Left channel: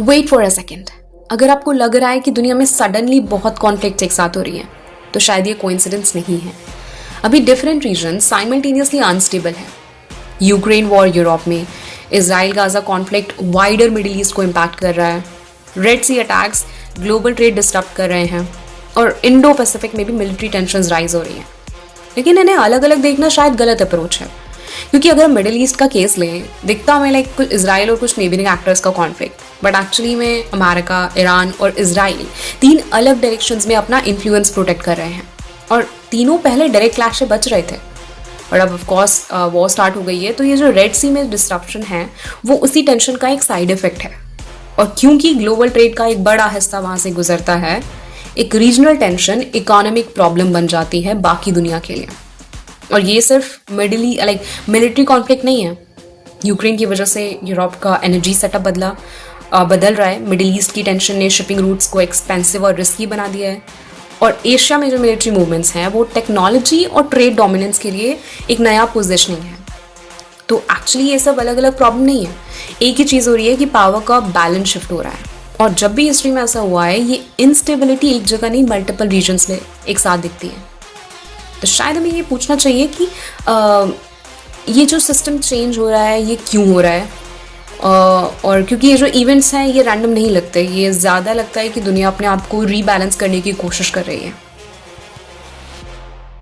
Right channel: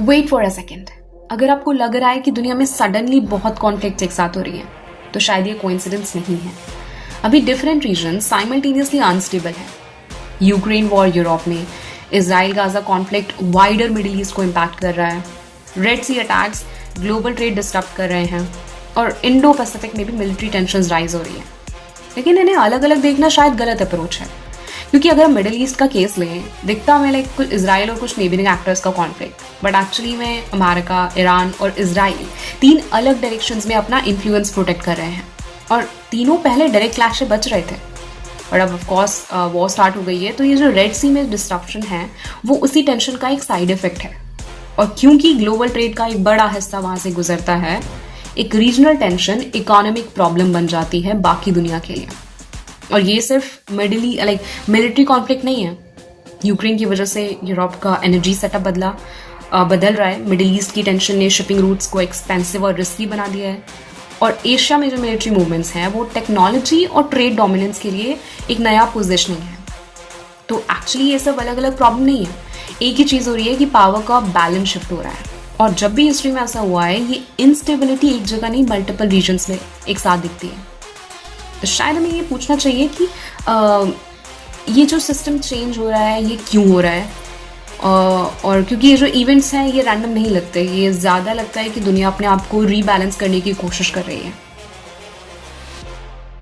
Wait for a second, अगर आपको लग रहा है कि दुनिया में सडनली बहुत कॉन्फ्लिक्ट एक साथ हो रही है तो शायद ये कोइंसिडेंस नहीं है। अभी डिफरेंट रीजन साइमल्टेनियसली अनस्टेबल है। यूक्रेन वॉर यूरोप में, Israel Gaza conflict wider middle east को इम्पैक्ट कर रहा है, रेड सी अटैक्स ग्लोबल ट्रेड डिस्टर्ब कर रहे हैं, और इंडो पैसिफिक में भी मिलिट्री टेंशन राइज हो रही है। लेकिन इन्हें अलग अलग देखना शायद गलत अप्रोच है, क्योंकि अगर हम मिडिल ईस्ट का केस लें, दिखता हमें लाइक कुछ इसराइल और कुछ नेबरिंग एक्टर्स का कॉन्फ्लिक्ट, बट एक्चुअली में अमेरिका, ईरान और इसराइल तीन अलग डायरेक्शंस में अपना इन्फ्लुएंस प्रोटेक्ट कर रहे हैं, और तीनों पहले डायरेक्ट क्लैश से बच रहे थे। और अब ऑफ कोर्स वॉर स्टार्ट हो गई है, तो ये जो रेड सी में डिस्ट्रप्शन है वो उसी टेंशन का एक साइड इफेक्ट है। और क्योंकि ग्लोबल ट्रेड का एक बड़ा हिस्सा वहां से गुजरता है, एक रीजनल टेंशन इकोनॉमिक प्रॉब्लम बन जाती है बाकी दुनिया के लिए। और ये सिर्फ मिलिट्री कॉन्फ्लिक्ट नहीं है। यूक्रेन की वजह से यूरोप का एनर्जी सेटअप बदल रहा है। मिडिल ईस्ट की टेंशन ने शिपिंग रूट्स को एक्सपेंसिव और रिस्की बना दिया है। और एशिया में जो मिलिट्री मूवमेंट्स हैं वो टेक्नोलॉजी और ट्रेड डोमिनेंस के लिए एक नया पोजिशनिंग है। तो एक्चुअली ये सब अलग अलग प्रॉब्लम नहीं है, एक ही चीज़ हो रही है कि पावर का बैलेंस शिफ्ट हो रहा है। और जब भी हिस्ट्री में ऐसा हुआ है, ये इंस्टेबिलिटी एक जगह नहीं मल्टीपल रीजन्स में एक साथ दिखती है। तो शायद हमें ये पूछना चाहिए कि ये जो सिस्टम चेंज हो रहा है ये क्यों हो रहा है। और क्योंकि ये जो इवेंट्स हैं ये रैंडम नहीं लगते, ये ज़्यादा लगता है कि दुनिया अपने आप को रीबैलेंस करने की कोशिश कर रही है।